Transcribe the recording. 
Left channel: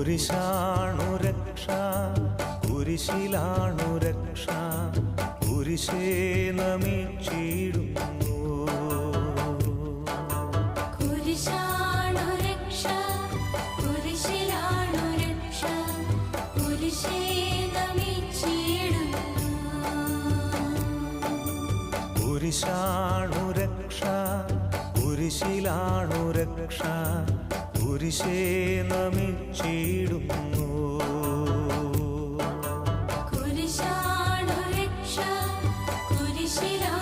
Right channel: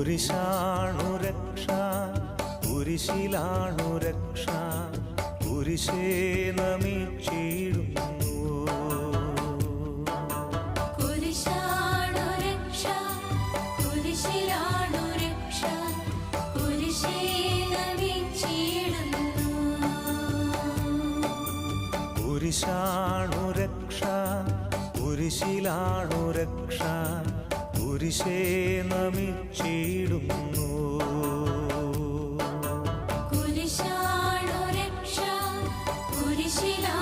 കുരിശാണു രക്ഷ കുരിശിലാണു രക്ഷ കുരിശേ നമിച്ചിടുന്നു. കുരിശാണു രക്ഷ കുരിശിലാണു രക്ഷ കുരിശേ നമിച്ചിടുന്നു കുരിശാണ് രക്ഷ കുരിശിലാ